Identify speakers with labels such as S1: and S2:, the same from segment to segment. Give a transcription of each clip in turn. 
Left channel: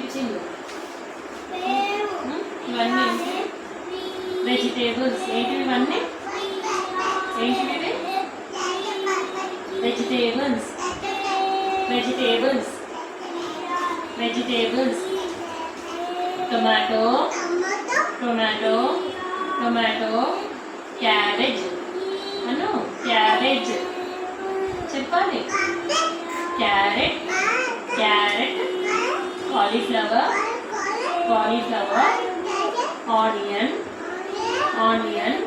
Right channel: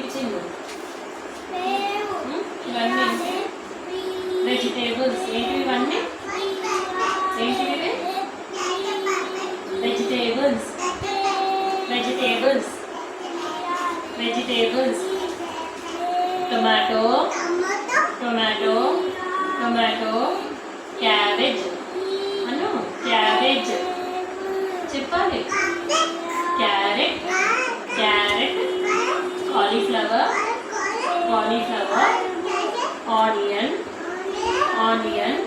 S1: ఇచ్చింది ఇవన్నీ. వెజిటేబుల్స్ ఏంటి cauliflower cauliflower onion onion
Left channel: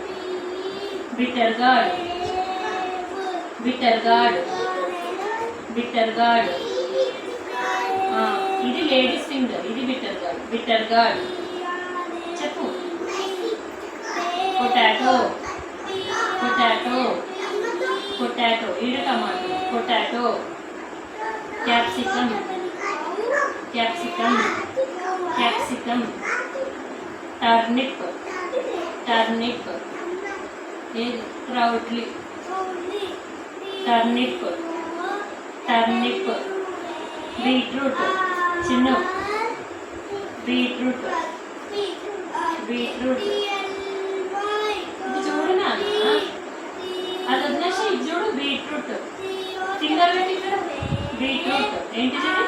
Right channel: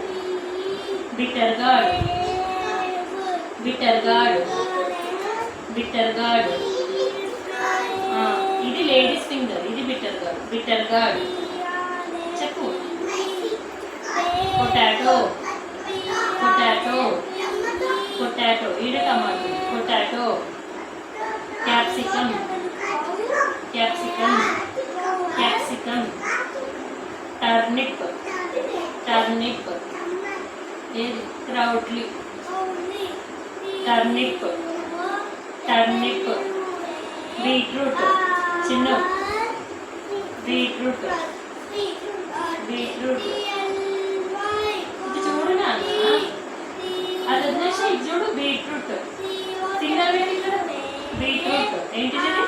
S1: bitter gourd bitter gourd bitter gourd ఇది లేడీస్ ఫింగర్ ఇది బిటర్ గార్డ్ బిటర్ గార్డ్ చెప్పు పొటాటో పొటాటో పొటాటో ఈడ tomato potato capsicum capsicum capsicum turnip turnip ఏది క్రౌడ్లీ టర్నిప్ టర్నిప్ బీట్రూట్ చిన్న బీట్రూట్ బీట్రూట్ ఇది చూడు నాన్న అది వదిలేసి ఇది చూడు బీట్రూట్ ఫింగర్ పెట్టి ఇక్కడ బీట్రూట్ ఏంటిది ఇది?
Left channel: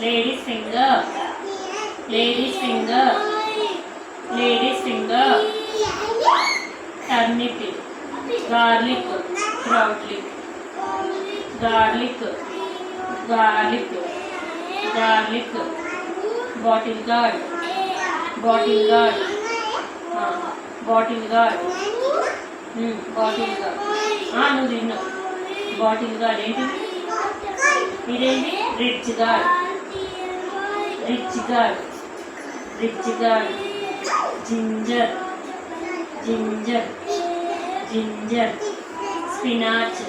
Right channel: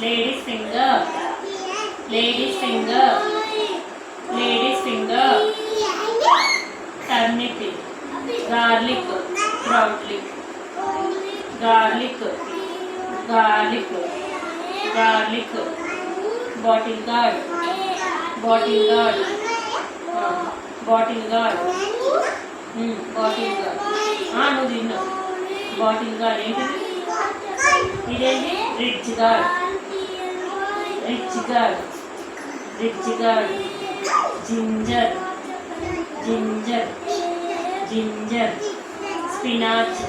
S1: Ladies finger ladies finger ladies finger turnip garlic క్రౌడ్లిక్ garlic garlic garlic bottle gourd bottle gourd bottle gourd bottle gourd నువ్వు తిన్ను బాటిల్ గార్డ్ ఏంటిది? ఇదేంటి? Ridge gourd ridge gourd ridge gourd ginger ginger ginger spinach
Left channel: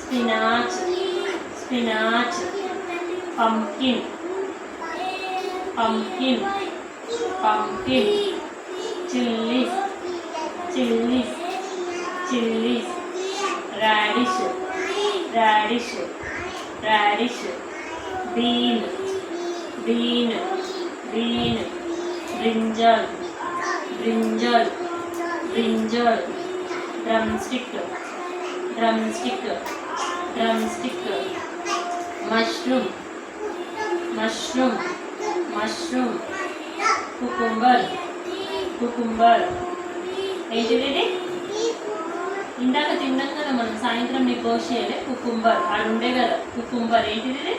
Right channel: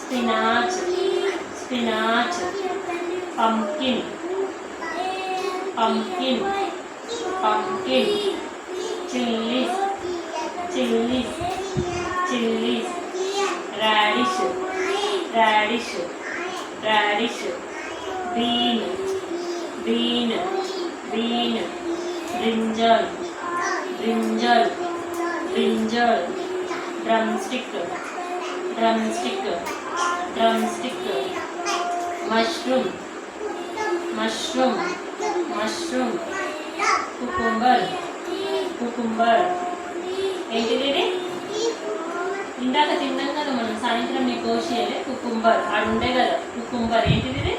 S1: spinach spinach pumpkin pumpkin pumpkin chillies chillies chillies radish radish radish bean bean bean brinjal brinjal brinjal drumstick drumstick drumstick mushroom mushroom mushroom cucumber cucumber ఏంటిది ఇందాక తిన్నాం కదా మనం సాయంత్రం నీకు కోసేయాలి cucumber అది ఉండే కదా కుకుంబర్ ఏంటిది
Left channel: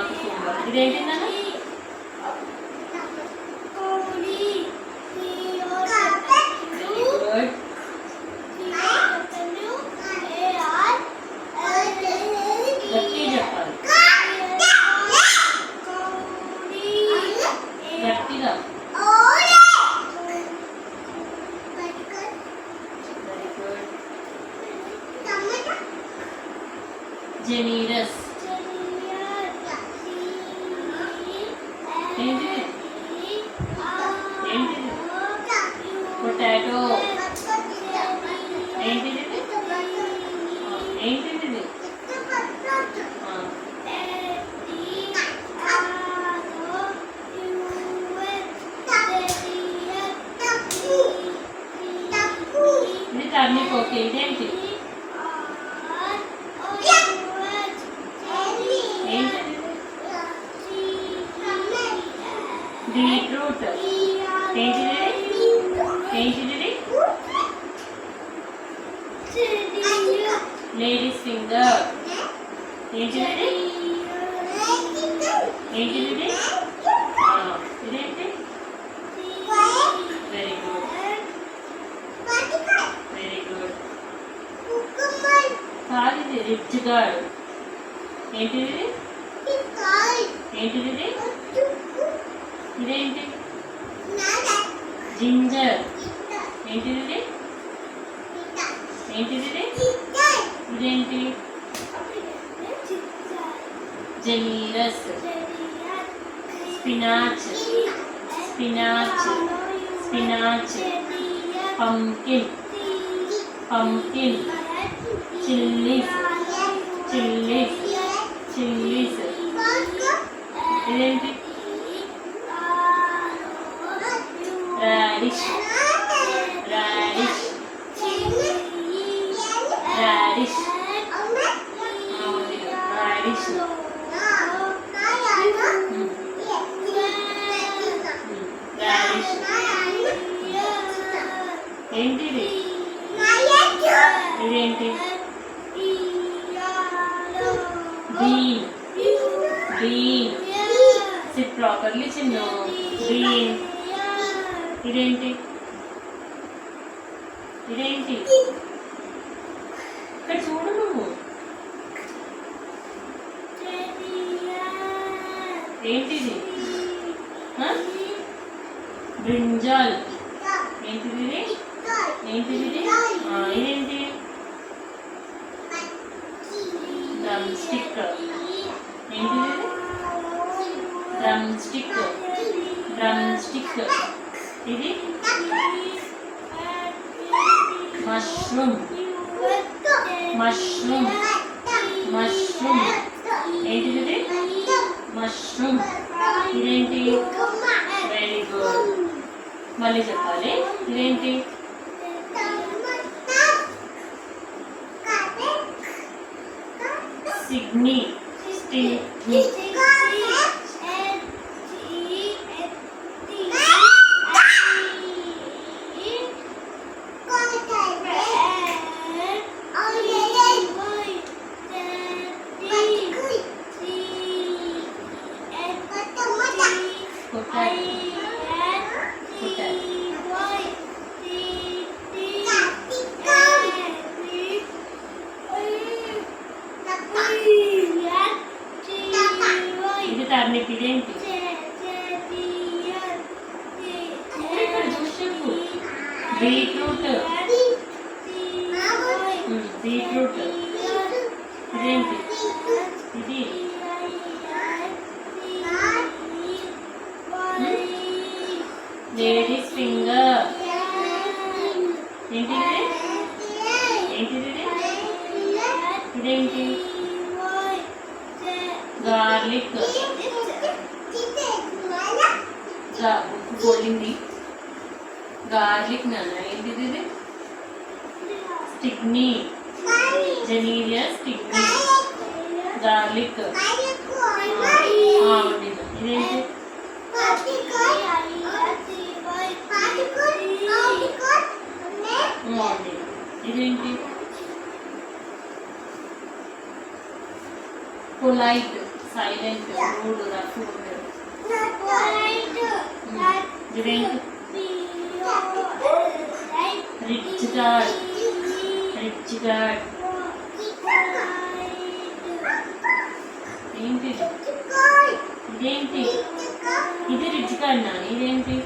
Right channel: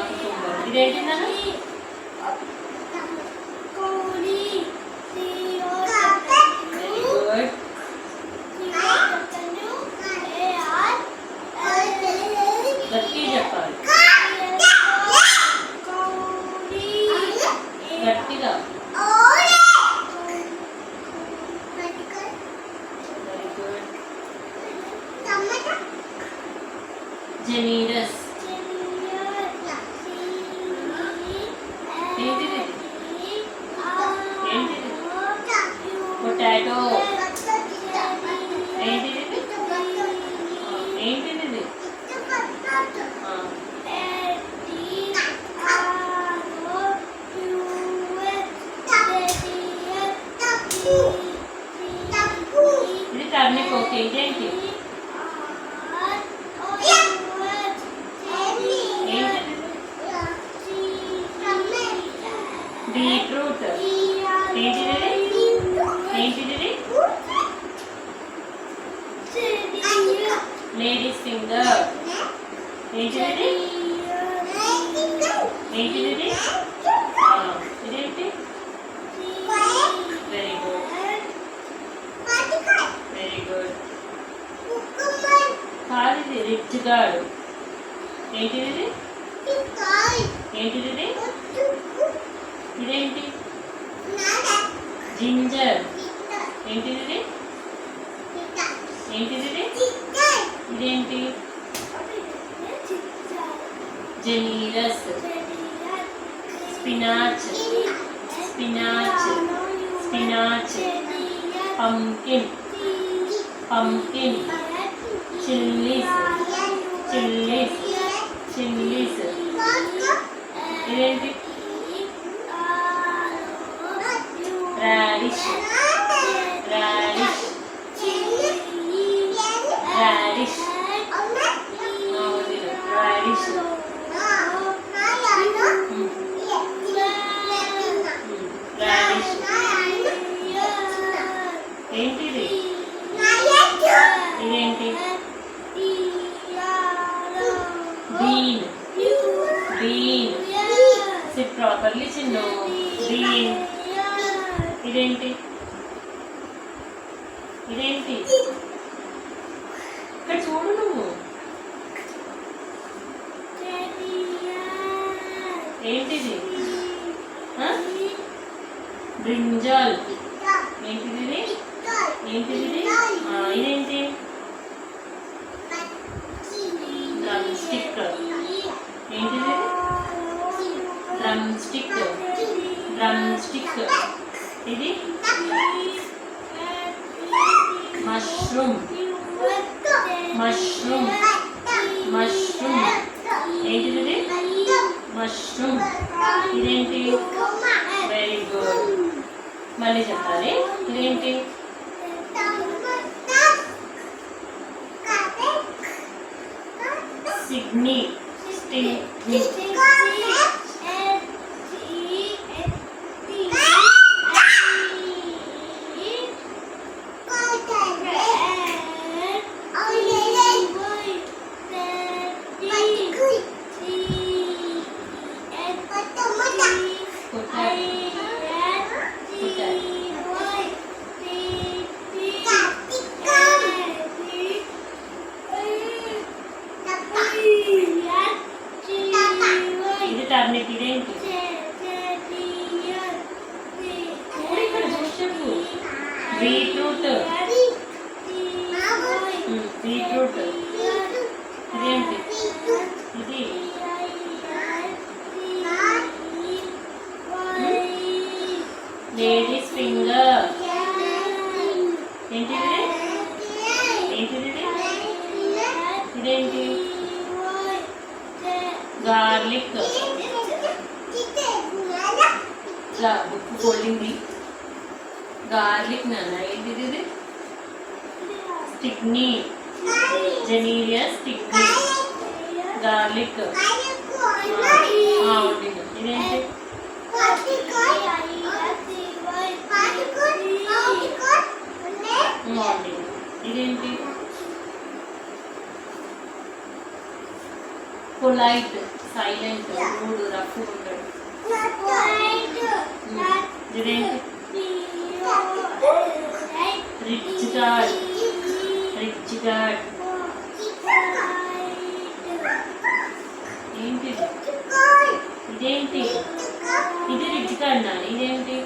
S1: ఇది? ఆ, కుకుంబర్ ఇదేంటి నాన్న వెరీ గుడ్ గట్టి చెప్పాలి గట్టిగా వెరీ గుడ్ జెనీరస్ ఏంటిది ఏంటిది పొటాటో ఏంటిది ఇది? ఆ, ఏంటిది ఇది? ఆ, ఇది టర్నిప్ ఓకే ఇదేంటి ఏంటిది బీట్రూట్ ఏంటిది ఇది? ఏంటిది ఇది? లేడీస్ ఫింగర్ ఏంటిది ఇది? ఏంటిది ఇది? ఆ, ఇదేంటి very good very good gourd ఏంటిది? ఏంటిది ఇది? ఇదేంటి? జింజర్. ఏంటిది? ఏంటిది ఇది? ఇదేంటి? జెనీరస్. Spinach. Spinach. Spinach. Pumpkin. Pumpkin. Chillies chillies chillies ఇదేంటి bean bean sit properly Chinnu. Bean ఇదేంటి? ఇదేంటి? ఇక్కడ చూడు నువ్వు. ఏంటిది? బ్రింజాల్. ఏంటిది ఏంటిది ఇది? ఆ, ఇదేంటి డ్రమ్ స్టిక్ ఏంటిది డ్రమ్ స్టిక్ డ్రమ్ స్టిక్ ఇది మష్రూమ్ మష్రూమ్ మష్రూమ్ ఏంటిది మష్రూమ్ ఇదేంటి? వెరీ గుడ్ మళ్ళీ చెప్పాలి. ఇదేంటి? సిడ్నీ బీట్రూట్ ఇదేంటి ఇది లేడీస్ ఫింగర్ ఏంటిది ఏంటిది ఇది? ఇదేంటి గార్లిక్ బుక్ ఫోల్డింగ్ గార్లిక్ నాన్న ఏంటిది ఇది స్టిగ్నీ జెనీరియా స్టిగ్నీ గార్లిక్ ఇదేంటి ఇదేంటి పొలైట్ సైలెంట్ మూడు రఫ్ ఇదేంటి రిచ్ డాడ్ రిచ్ డాడ్ ఏంటి? ఇదేంటి? ఇది రిచ్ అన్నాను. ఇదేంటి?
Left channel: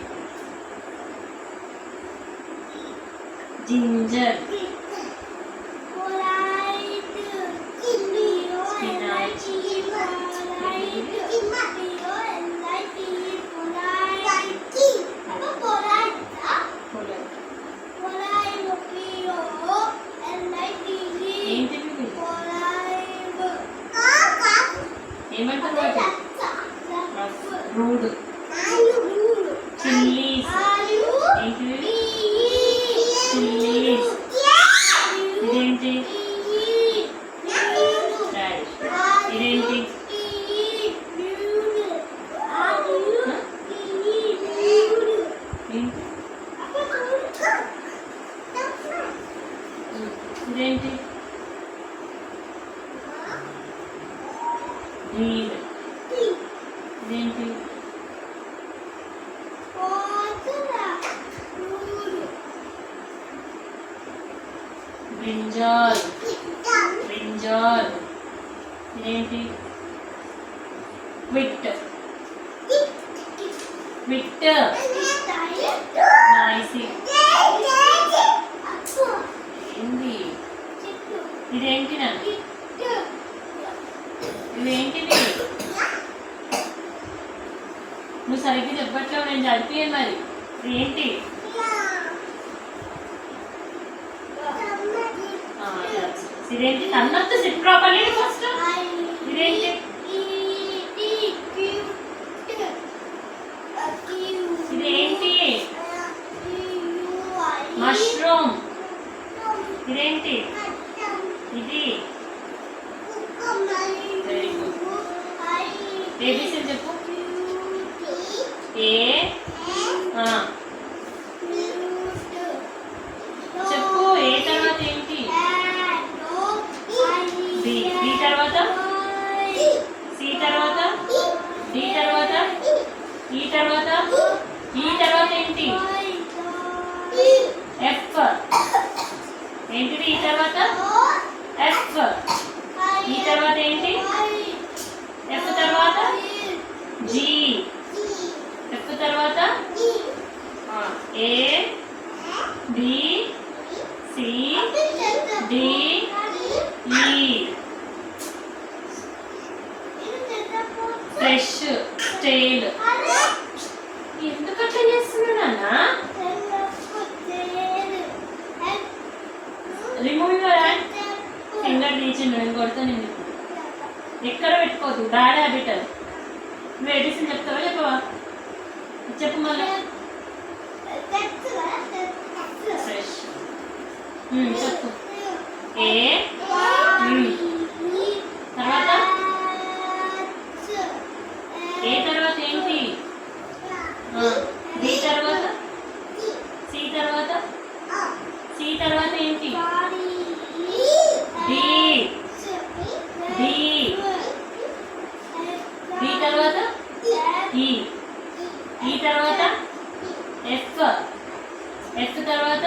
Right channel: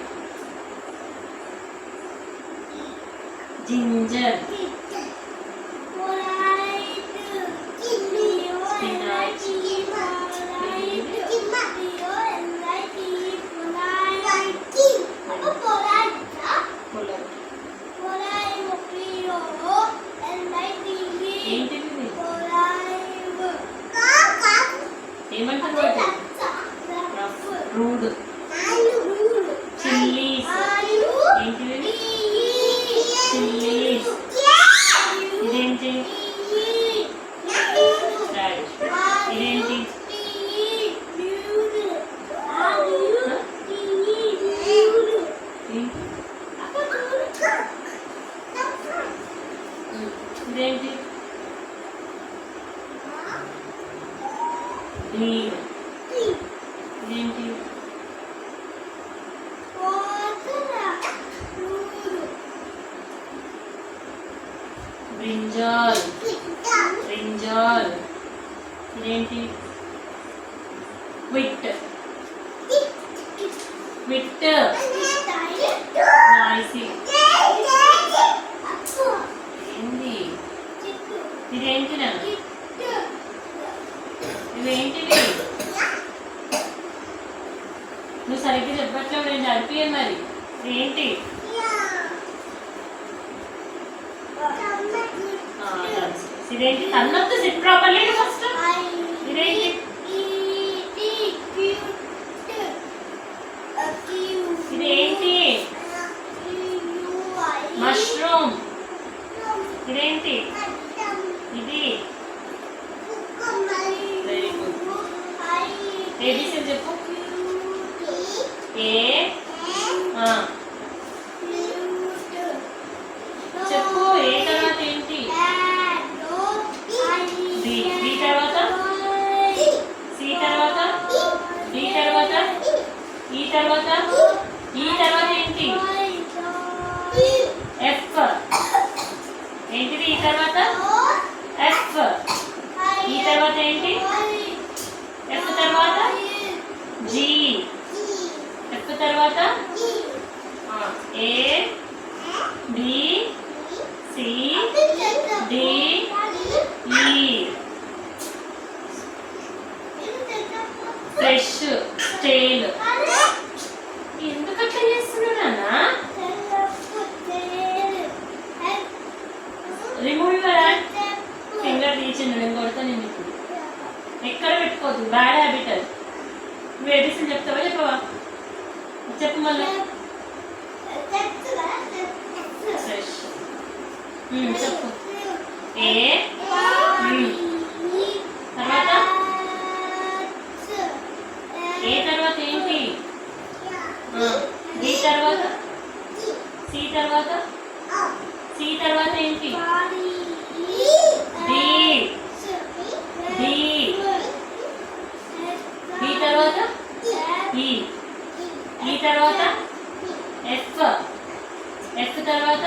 S1: జింజర్. ఏమంటారు రఫ్ రూడ్ చిల్లీస్ ఏంటిది ఇది? చిల్లీస్ ఇదేంటి డాడీ ఇదేంటి ఏంటి? ఇదేంటి గ్రీన్ ఇదేంటి బ్రింజాల్. బ్రింజాల్. ఇదేంటి? Quiet quiet noisy. ఏంది? ఇదేంటి నన్ను? ఇదేంటిది? నువ్వు సరిగ్గా చెప్పట్లేవు నేను చదివియాను మరి. ఇదేంటి? ఇదేంటి? నన్నొద్దు సిట్ ప్రాపర్లీ ఫస్ట్ ఇదేంటి ఇదేంటి ఇది వెరీ గుడ్ ఏబిసిడి చెప్పు ఏ ఆ, చెప్పు ఏ తర్వాత ఏంటి డి డి తర్వాత సి తర్వాత డి తర్వాత ఈ తర్వాత? ఈ తర్వాత ఏంటి? ఎఫ్ ఏంటిది ఈ తర్వాత? ఎఫ్ ఈ తర్వాత ఏంటి? ఎఫ్ తర్వాత? జి ఎఫ్ తర్వాత? A B C D E fresh stale finger నేను కొడతా నేను ఎక్కడ పెట్టుకోవద్దు బ్యాడ్ హ్యాబిట్ అది. నువ్వు ఎడిసిన్ చెప్తావా చెప్పవా? చెప్పు మళ్ళీ. ఫ్రెష్ చెప్పు. ఏ? తర్వాత? ఏ తర్వాత ఏంటి? డి తర్వాత? సి తర్వాత? సి తర్వాత ఏంటి? డి డి డి తర్వాత ఈ. ఈ తర్వాత ఎఫ్ ఎఫ్ తర్వాత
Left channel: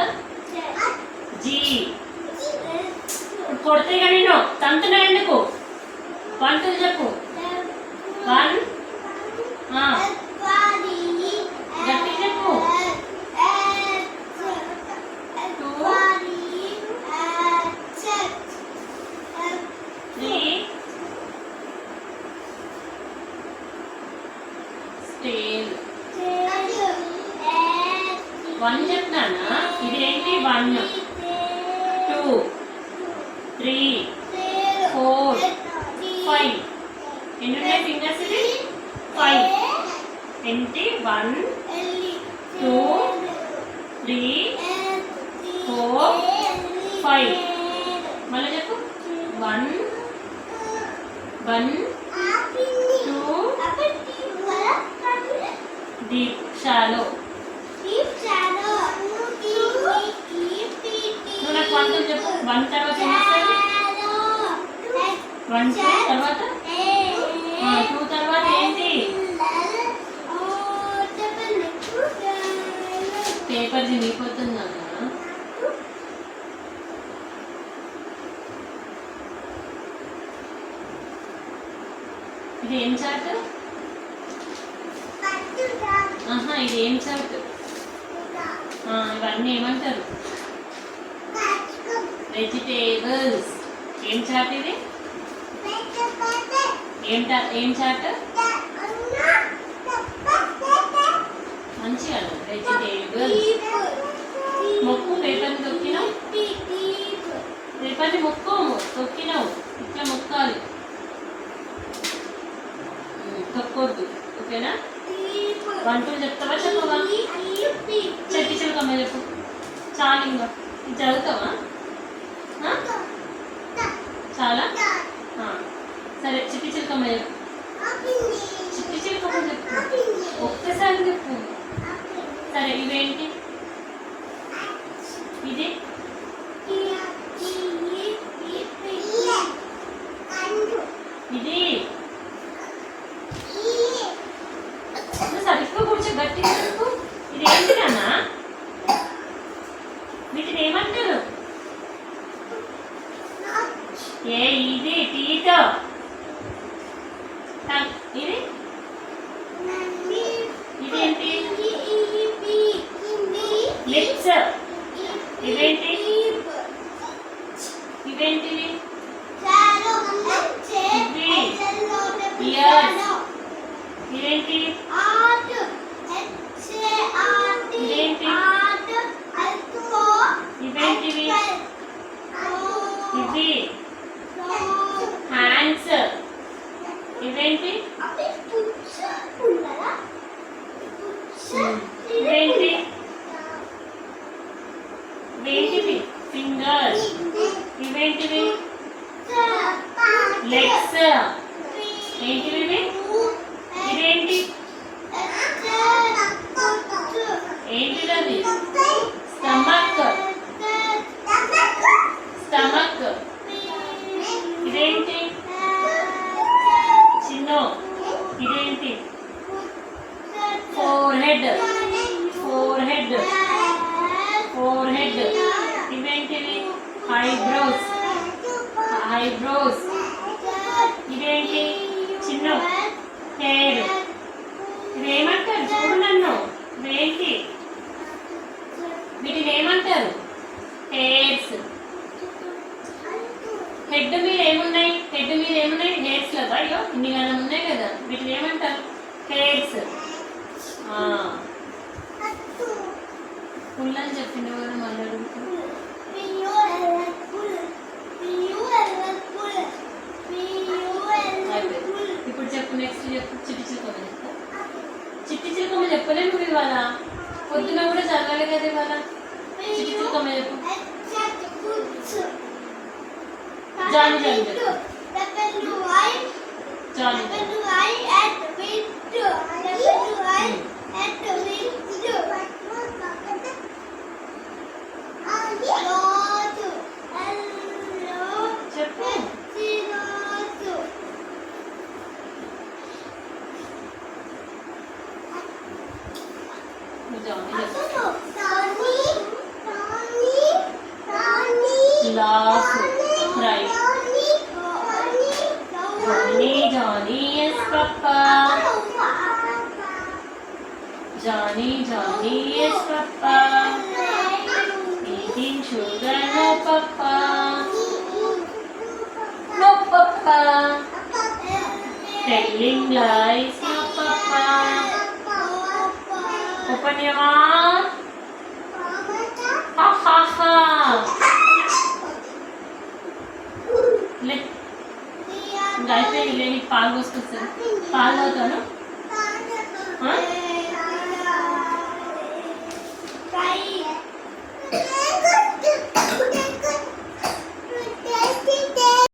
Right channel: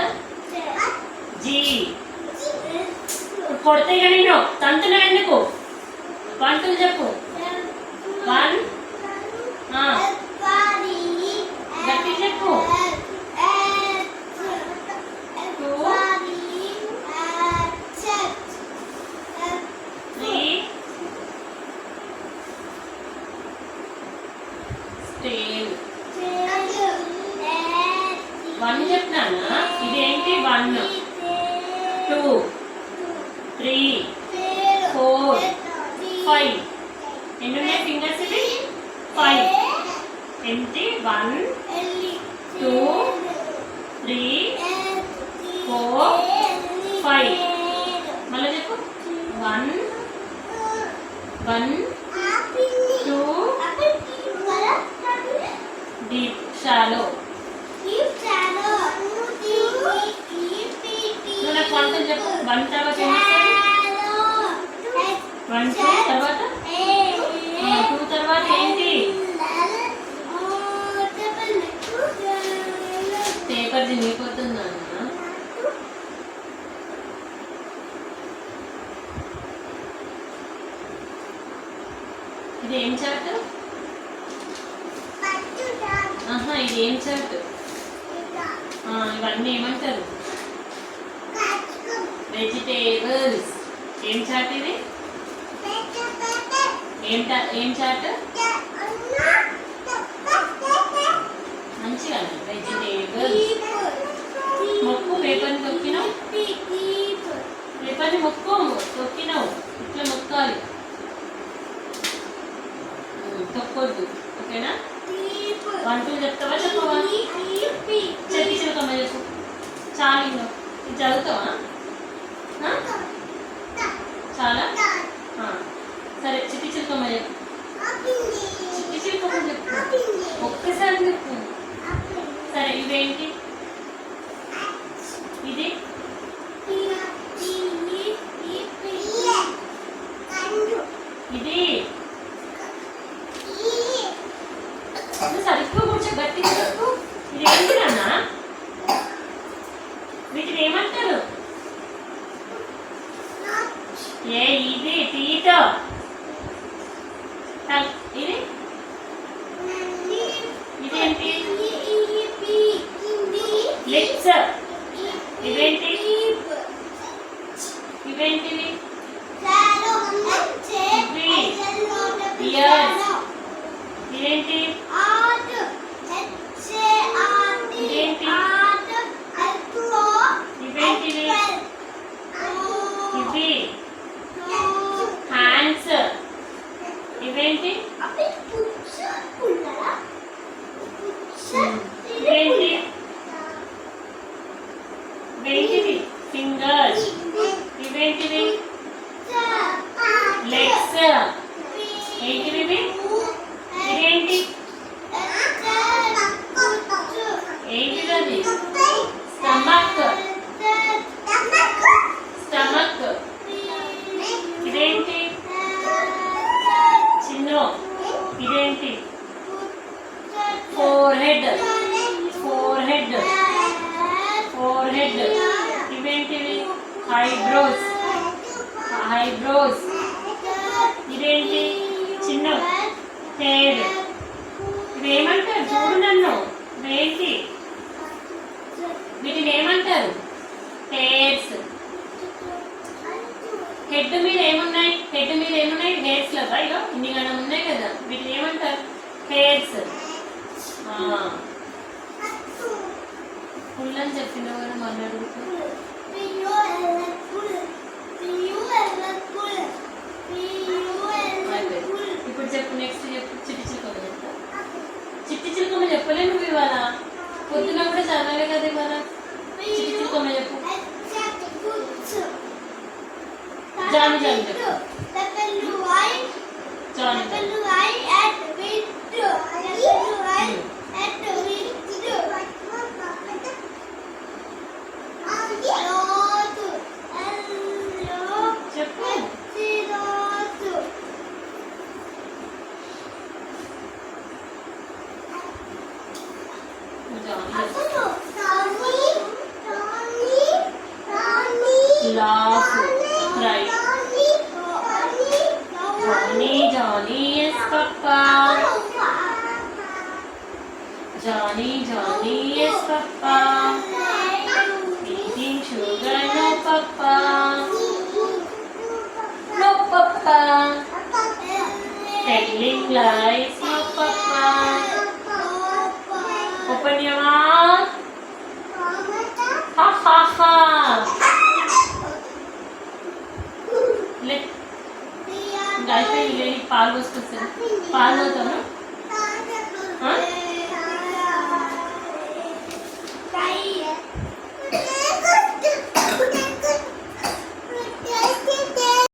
S1: జి ఇప్పుడు కొడితే కానీ నేను తంతున్నా ఎందుకు? వన్ టూ చెప్పు. వన్ గట్టిగా చెప్పు త్రీ స్టేల్ వన్ చెప్తానా ఇదేంటి one two three four five. ఎన్ని ఉన్నాయి ఫింగర్స్ ఇవి? ఫైవ్. ఏంటి? One two three four five. మళ్ళీ చెప్పు. One one two deep shallow నువ్వు నాకు చెప్పు. వన్ తర్వాత వన్ టూ తర్వాత? టూ తర్వాత ఏంటి? పేపర్ చినిగిపోతుంది అన్న ఇది ఏం చార్ట్ ఇది ఏం చార్ట్ ఇవన్నీ ఏమంటారు? వెజిటేబుల్స్ ఏం చాట్ ఇది? ఏం టా- ఏం చార్ట్ మంచిగా వెజిటేబుల్స్ మొక్కు పేపర్ని తొక్కినావు? పేపర్ని మొక్కు. తొక్కినావు. ఇట్లా మొక్కాలి. తొక్కొద్దు. ఓకేనా? వన్ టూ చెప్తావా? చెప్పవా? చెప్పి చెబుతామా చెప్పు. చాలు ఇంకా. చదువుతావా? చాలా? సరే చిట్టి చిలుకమ్మ చిట్టి చిలుకమ్మ చెప్పు. ఒక్కసారి చెప్పు. సరే ఇవేంటి? ఇది? ఇది? నువ్వు సరిగ్గా కూర్చో గట్టి చెప్పు. ఇది ఏంటి నాన్న? వీటిని ఏమంటారు? ఏ ఇది టీత ఇది? ఇదేంటి లిప్స్. ఇదేంటి? ఇదేంటివి ఇదేంటి? ఇదేంటి? ఇవేంటివి ఇవి ఇవేంటి ఇవేంటి ఇవేంటివి ఫింగర్స్ ఇవేంటివి లెగ్స్ ఏంటివి ఇవి ఇదేంటి ఏంటిది అది స్టమక్ స్టమక్ ఇదేంటి చిన్నో ఇదేంటి forehead forehead forehead ఇవేంటివి? ఐబ్రోస్ ఐబ్రోస్ ఇదేంటి? చిన్న హెయిర్ ఇవేమంటారు? చూడు నన్ను. ఇవేంటి? వీటిని ఏమంటారు? హెయిర్స్ హెడ్ మీద ఏమున్నాయి? హెడ్ మీద ఏమున్నాయి? హెయిర్స్ కదా ఇగో ఇన్ని గణం ఉన్నాయి కదా వీటిని ఏమంటారు హెయిర్స్ ఫుల్ అని చెప్పిన కదా మళ్ళీ అడుగుతున్నా ఇప్పుడు చెప్పు నెక్స్ట్ చెప్పు చిట్టి చిలుకమ్మ చెప్పు చిట్టి చిలుకమ్మ చెప్పలే నువ్వు ఇవాళ పొద్దున కూడా చదవాలి కదా ఇవాళ చిట్టి చిలుకమ్మ చెప్పు జాని జాని చెప్పు Johnny. Apple, white, and window. Apple, white, window. lights. Open your mouth. Ha ha ha. Let. Diaper really pal was person. Pal was
S2: no.